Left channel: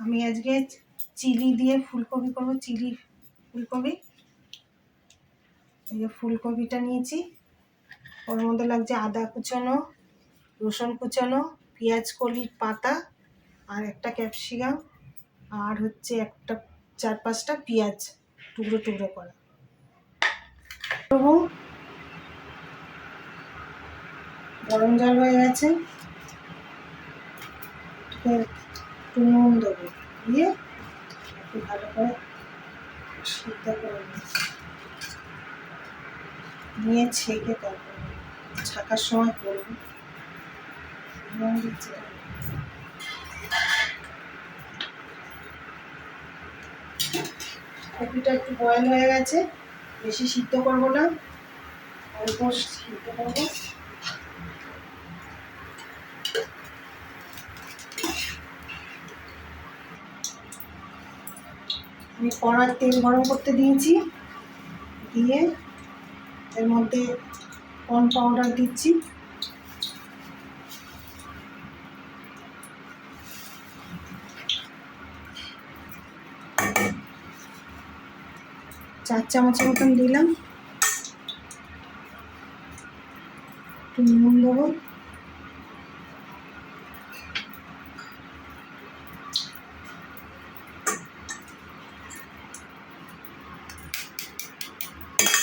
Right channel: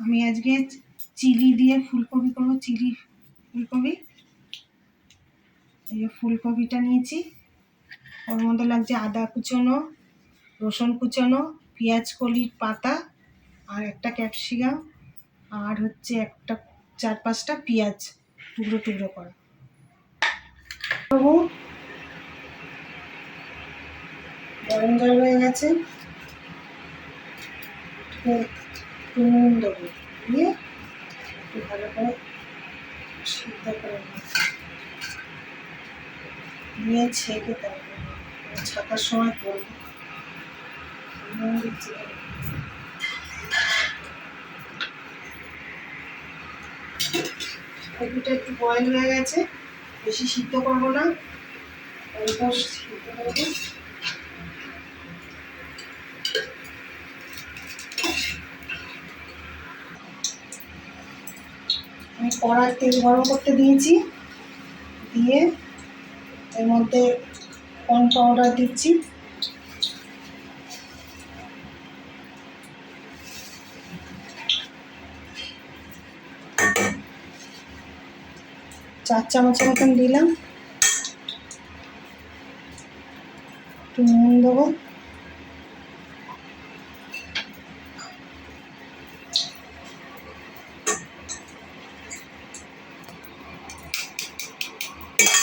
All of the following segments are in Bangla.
আমি আজকে চিলি দিয়ে ফুলকপি করব। চিলি ফুলকপি, এই যে ফুলকপিটা নিয়েছি, ওর মধ্যে লাগছে আদা কুচোনো, রসুন কুচোনো, পেঁয়াজ কলির পাতা, আর একটা ক্যাপসিকাম, আর হচ্ছে একটা 4-5টা পেঁয়াজ টুকরো টুকরো করা। গরম জল হয়ে গেছে, একটু নুন দেবো, দিয়ে একটু ভালো করে সিদ্ধ করে নিয়ে ছেঁকে তারপরে ছাকার সময় করবো। কপিটা একটু বয়েল হয়ে গেছে, বেশি সিদ্ধ করবো না, অল্প সিদ্ধ করবো। আমি কড়ার তেল গরম করতে দিয়েছি, দিয়ে এর মধ্যে কর্ন পাউডার দিচ্ছি, চার চামচের মতন দিলাম, একটু নুন দেবো,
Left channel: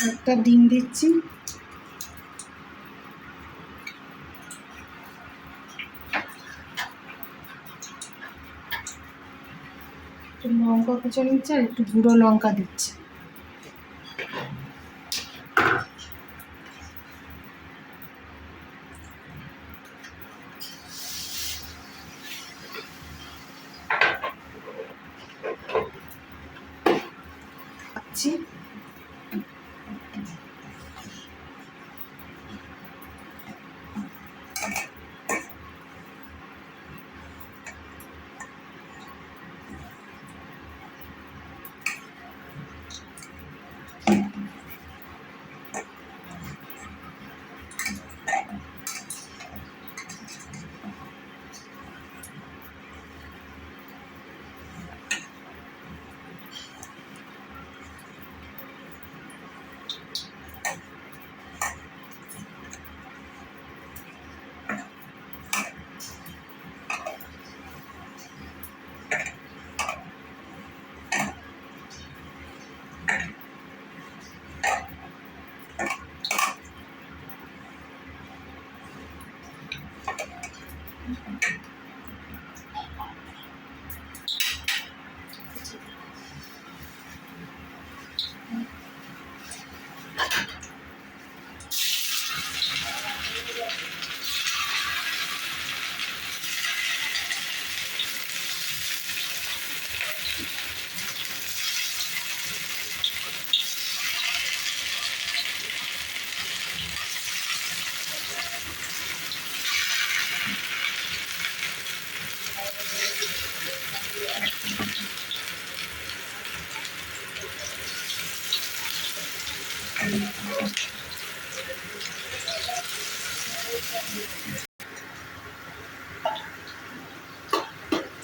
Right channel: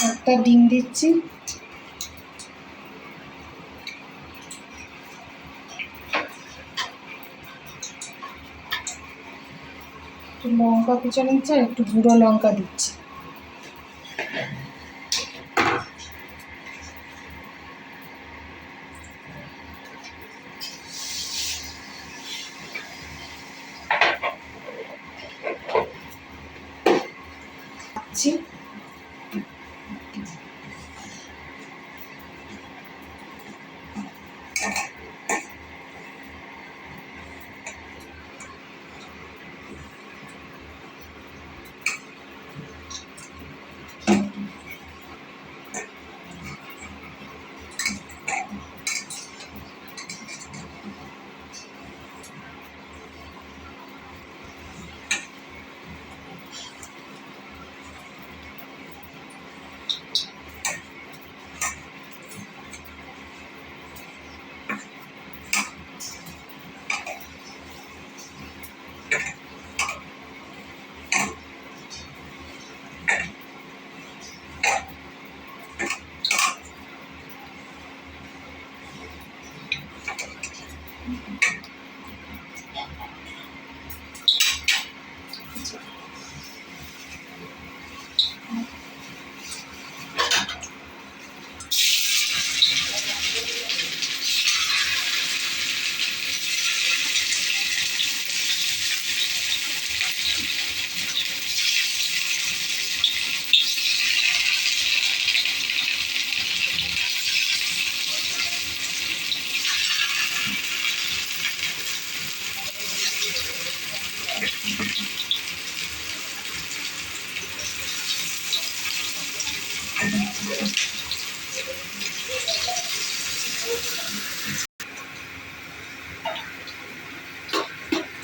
একটা ডিম দিচ্ছি, একটু লঙ্কা কুচো নিচ্ছি, আর একটু গুঁড়ো লঙ্কা দিচ্ছি।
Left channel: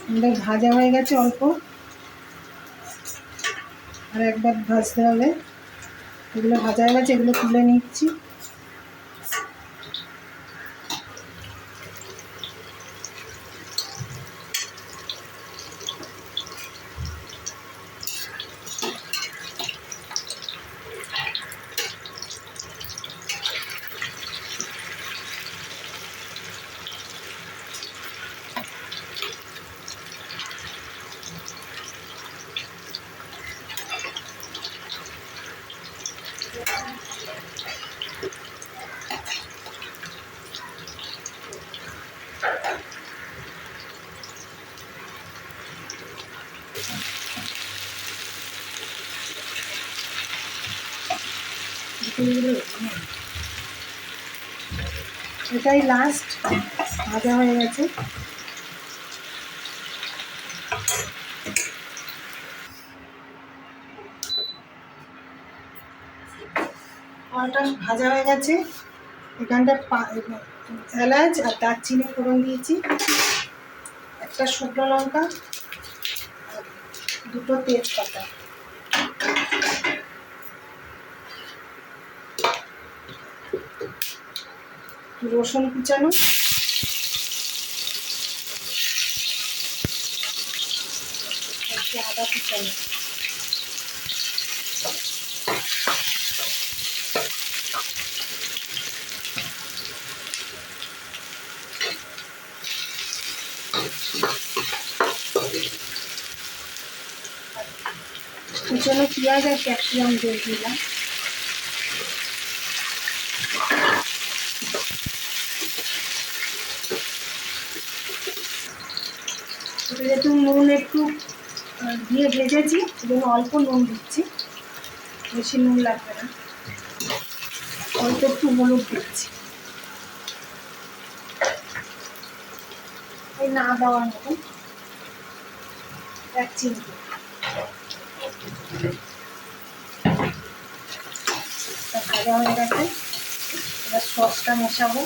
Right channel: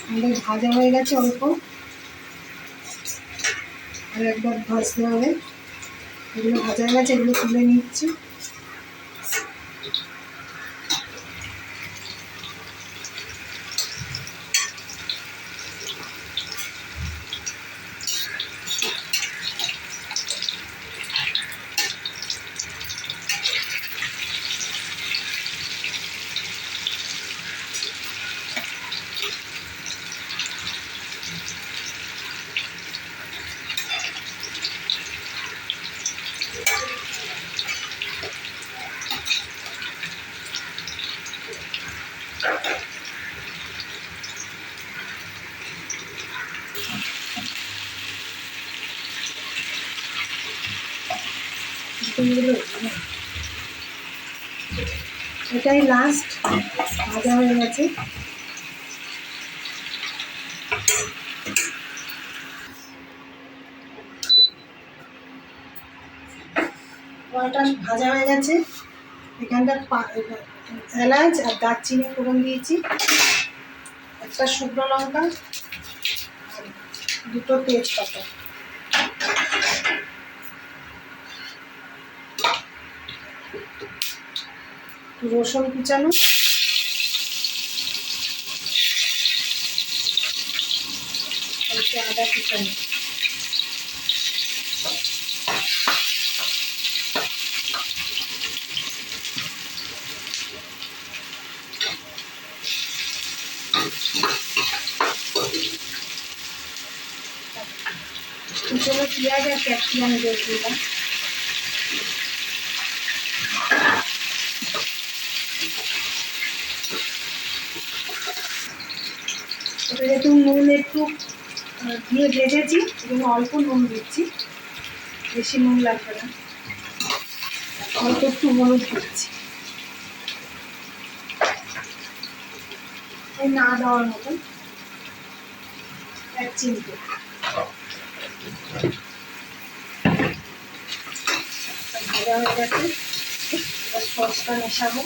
আমাদের ভাজা হয়ে গেছে অল্প, আর একবার ভাজতে হবে। এগুলো ভাজা হয়ে গেছে, এগুলো তুলে নিচ্ছি। এটাই লাস্ট, ভাজা হয়ে গেছে। কলটা ভাজা হয়ে গেছে, এখানটা এলাচ আর দারচিনি ফোড়ন দিয়েছি, একটা শুকনো লঙ্কা, দুটো তেজপাতা, রসুন কুচানো, আদা কুচানো, কুচানো পেঁয়াজ আর ক্যাপসিকাম দিয়ে দিলাম। যেহেতু নুন একটু দিয়ে ভেজেছি, সেজন্য অল্প নুন দিচ্ছি, বেশি নুন লাগবে না। অল্প একটু হলুদ দিচ্ছি, ওই না দেওয়ার মতন, 1 চিমটে। ভাজা হয়ে গেছে, এবার সসটা মেশাবো।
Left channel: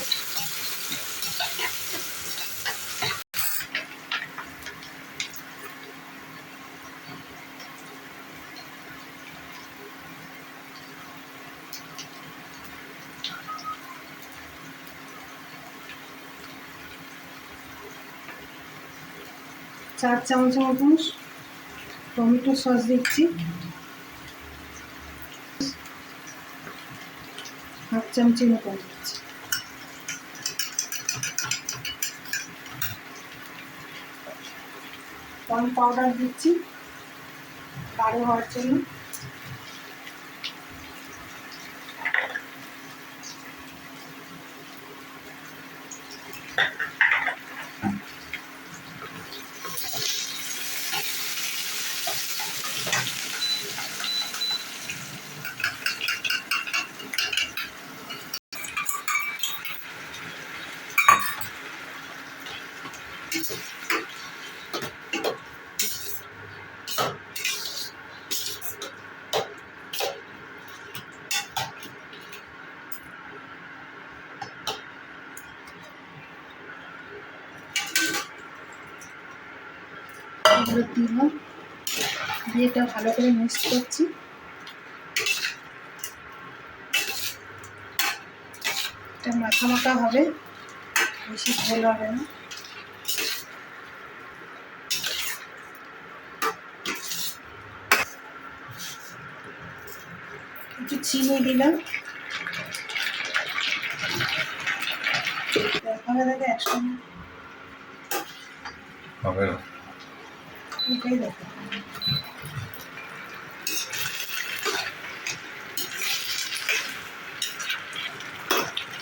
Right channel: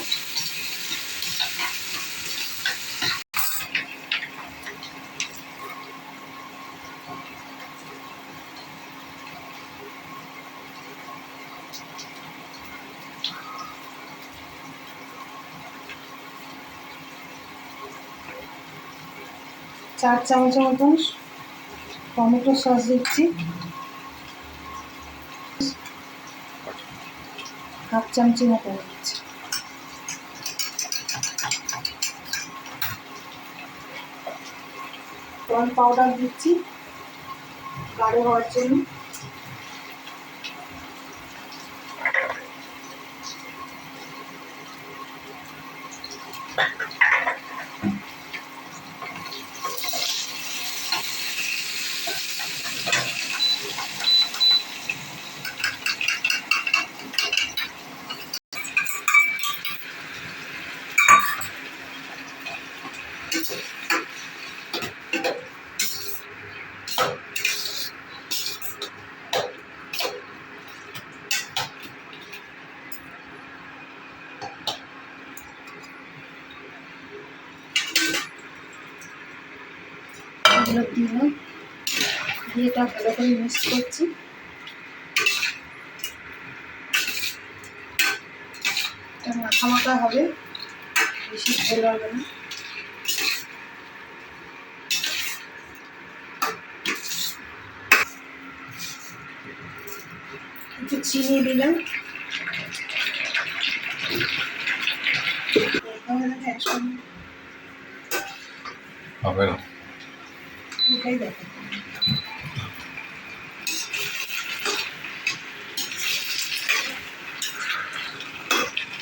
চার চামচের মতন টমেটো সস দিচ্ছি, 1/2 চামচের মতন দিচ্ছি। কর্ন পাউডার দিচ্ছি গাঢ় হওয়ার জন্য। এগুলো দিলাম, দিয়ে এটা ভালো করে মিক্স করছি। এটা মাখা মাখা হবে, বেশি ঝোল হবে না। একটু চিনি দিলাম, এখানে দাদা 100 হবে না, এটাই দেখো।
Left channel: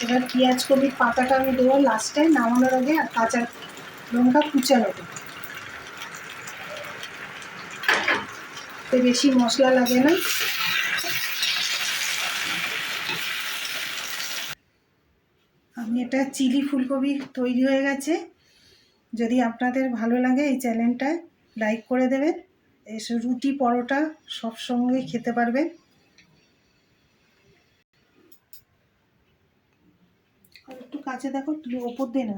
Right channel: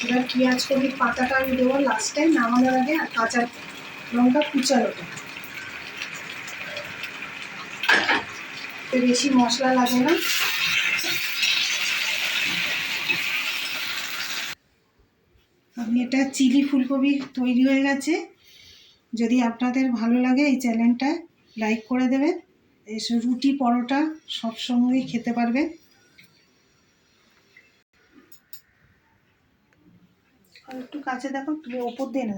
এবার পেঁয়াজ কলির পাতাটা আমি দেবো লাস্টে নামানোর আগে, আর কাঁচা লঙ্কা কুচানোটা। বেশি মশলা লাগে না। আমি এটা চিলি ফুলকপি তৈরি হয়ে গেছে। যদি আপনাদের ভালো লাগে এই চ্যানেলটা লাইক করে দেবেন। এসব রুটি পরোটা সব সঙ্গেই খেতে পারবেন। আর একটু কাছে দেখো, তুমি ওপর দিয়ে না